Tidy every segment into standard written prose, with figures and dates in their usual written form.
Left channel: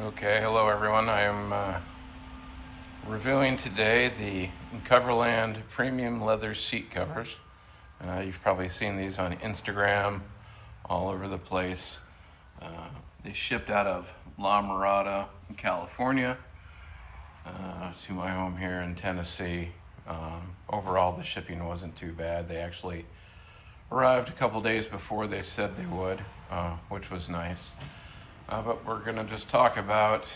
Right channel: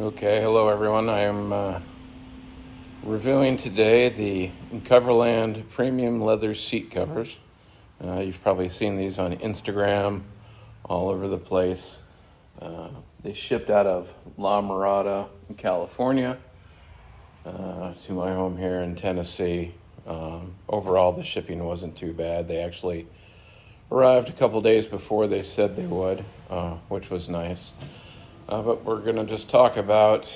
Okay, hello everyone. I am reviewing today the Coverland premium leather seat covers. You've probably seen these on Instagram all over the place. Uh, they shipped out of La Mirada, California, to my home here in Tennessee. Overall, the shipping wasn't too bad. They actually arrived a couple days before they said they would, which was nice. But we're going to just talk about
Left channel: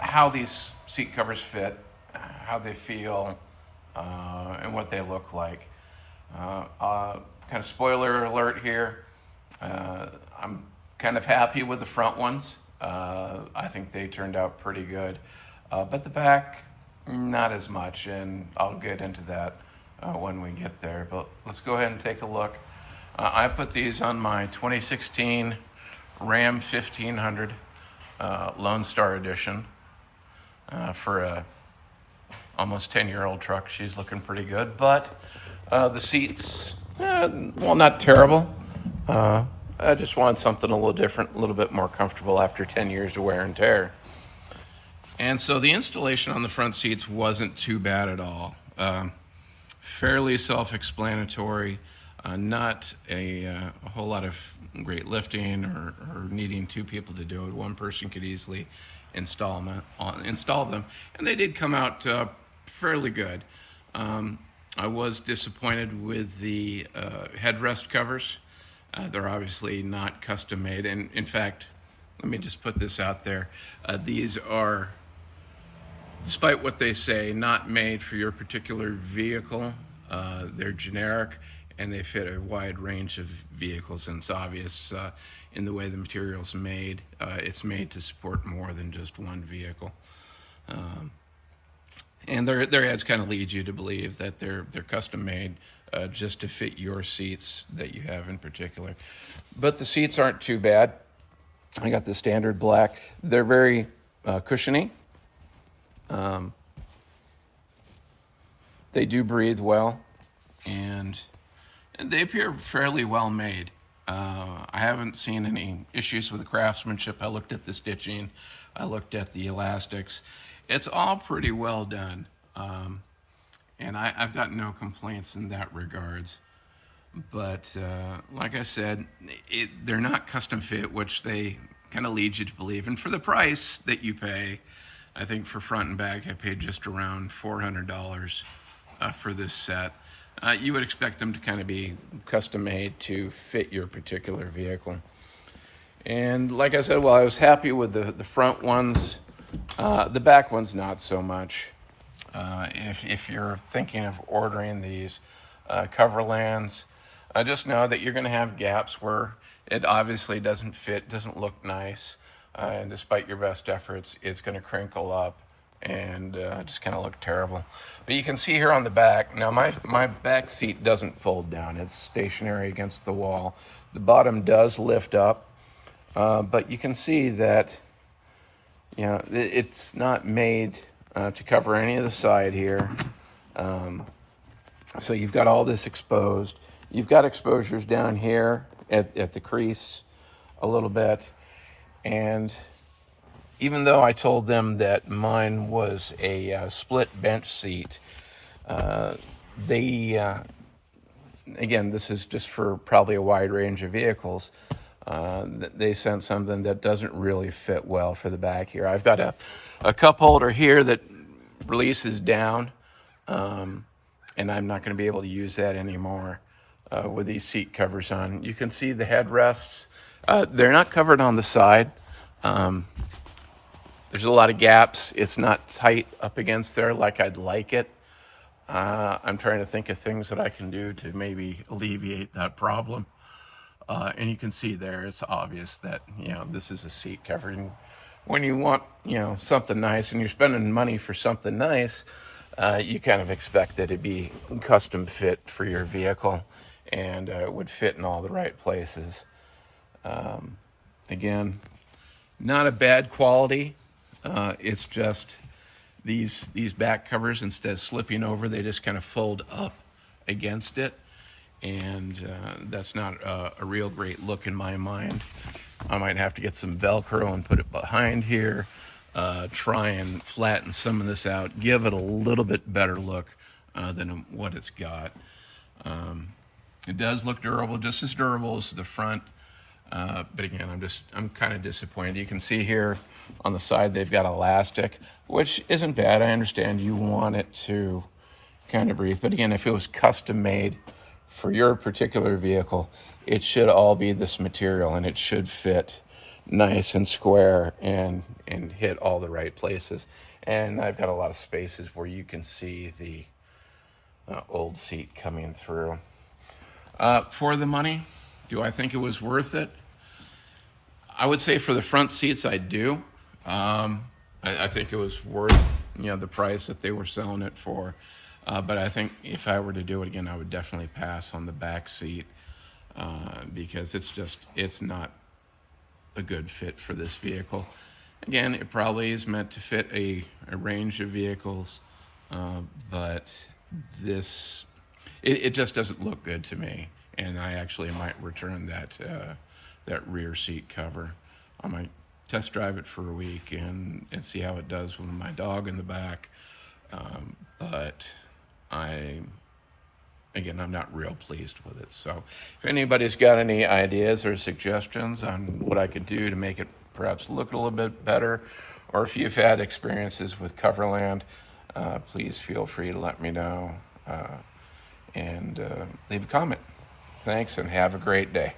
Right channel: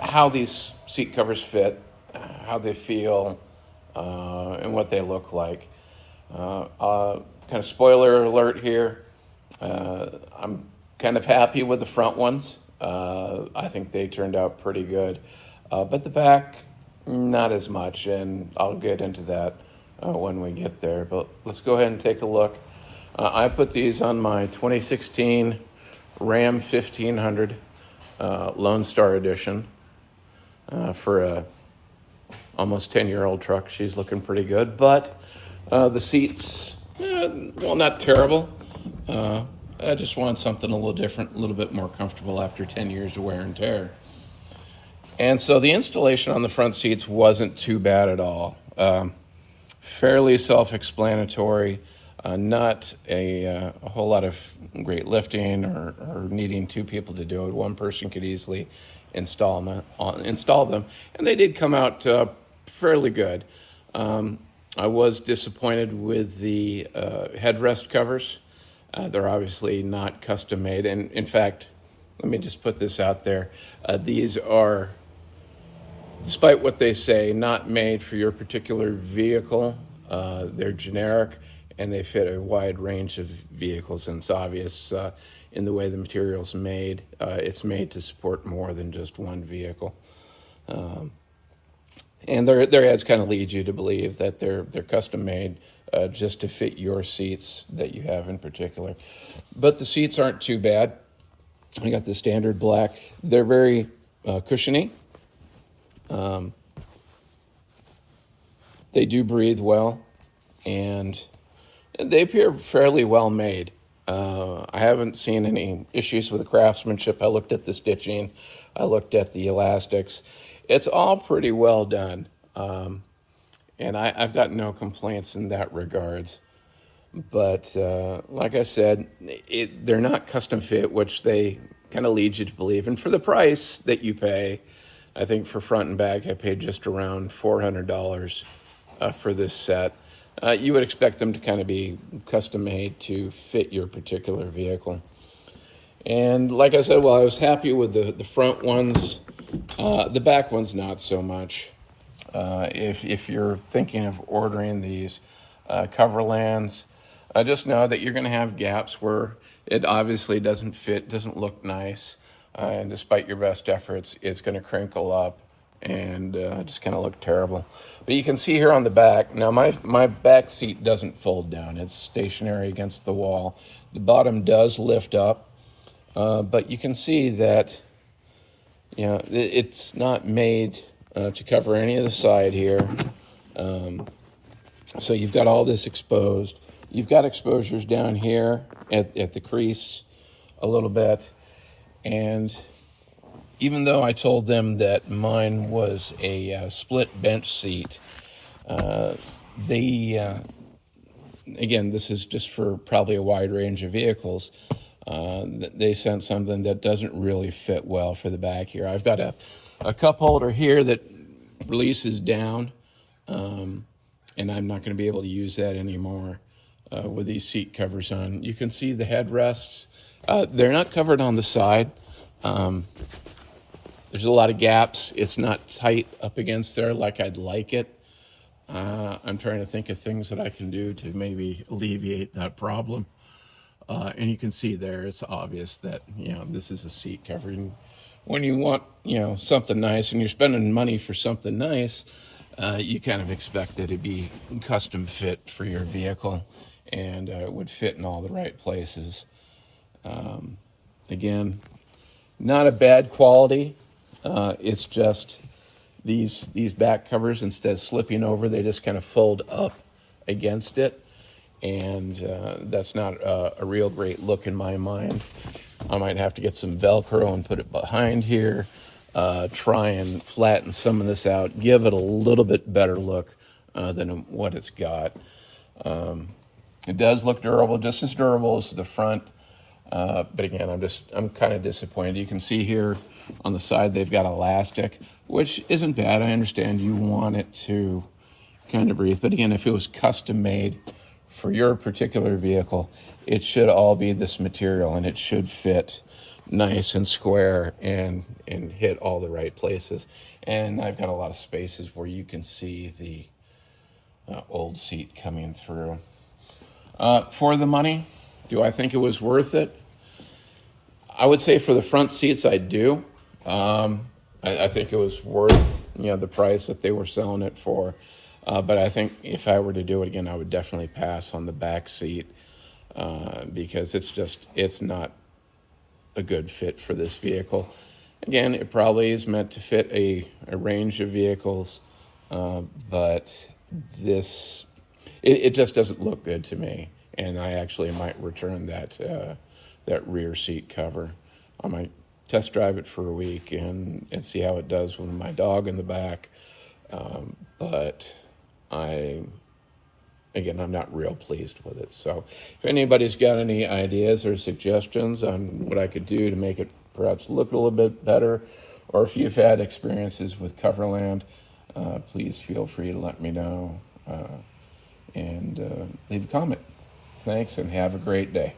how these seat covers fit, how they feel, and what they look like. Kind of spoiler alert here. I'm kind of happy with the front ones. I think they turned out pretty good. But the back, not as much, and I'll get into that when we get there. But let's go ahead and take a look. I put these on my 2016 Ram 1500 Lone Star Edition for a almost 10-year-old truck. She's looking pretty good, but the seats, well, not terrible. I just wanted something a little different, a little bit more comfortable after 10 years of wear and tear. And so the installation on the front seats wasn't too bad at all. Fairly self-explanatory. Not a whole lot of great lifting or needing two people to do it. One person could easily install them, and they did come out fairly good. I was disappointed with the headrest covers. They're obviously not custom made, and in fact, let me just put this out there. These are, despite what they say, not made for your particular vehicle. They're generic, and they fit a wide range of vehicles, and it's obvious in the way the material's made. It's made to support more than just one vehicle. And their ads kind of lead you to believe that they're custom made just to fit your seats that you have in particular. But the seats aren't too bad. I got the standard black. They're very cushiony. They do breathe well, and they appear fairly well made. I haven't seen any issues with the craftsmanship. I looked at the stitching. I looked at the elastics. It's all pretty well done. And I've got no complaints in that regards. But like I said, they're not custom fit, which they kind of lead you to believe. And for the price that you pay, I think for front and back, I paid just around $400 for this set. You would expect them to kind of be custom made to fit your particular vehicle. And like I said, well, I was happy with the front ones. The back ones, not so much. If you're thinking of ordering these Coverlands, just know that you're going to have gaps where it obviously doesn't fit, doesn't look nice. And despite your best efforts, it's going to crinkle up and just kind of look terrible. But you can see here on the back, now my back seat doesn't fold down. It's stationary against the wall. The bottom does lift up, but you can see that, you know, it's not made to cover any of the side here. So you've got all this exposed. You've got exposures down here at the crease a little bit. And even though I told them that mine was a split bench seat, again, this is just for probably a wide range of vehicles. They sent something that doesn't really fit well for the back here. I've got a cup holder here that releases down, and I'm not going to be able to use that anymore with these seat covers on. You can see the headrests. They're not covered on the side. There's a lot of gaps. It's not tight up against there like I'd like it. I'm trying to think of things that I can do to maybe alleviate that problem. And you can see there, it's obvious that, you know, this is a seat covering. When you want, you know, something nice and you're spending money for something nice, you kind of expect that it'd be custom fit for your vehicle and would fit in all the right places. Again, not a bad quality. It's just these back covers, instead of slipping over, they just kind of fold up against it. And that's not a real great look in my mind. I might have to get some Velcro and put it behind here, try and flatten some of this out, give it a little bit better look than what it's got. It does look durable, just as durable as the front. But again, I'm kind of disappointed. You can see here on the side they've got elastic, which isn't bad. I understand you want it to kind of breathe. But again, if it was custom made for your particular vehicle, it should all be this material, and it should fit nice and square and hit all the right places. And I've got a lot of spaces where you can see the old seat coming through. For the money, do I think it was worth it? I would say for the front seats, I do. I think it was worth, the price that they were selling it for. But I think if I were to do it again, I would definitely pass on the back seat because it's not a good fit for this vehicle. Again, it probably is meant to fit a range of vehicles, but it just doesn't look good to me. And I actually might return that rear seat cover. I might test drive it for a week and see how it does with my dog in the back. But I'm not real pleased with it. So if anybody's got any ideas or suggestions on what I could do to make it perhaps look a little bit better, or if you've had experiences with Coverland, please feel free to let me know and leave a comment. Thanks, and have a great day.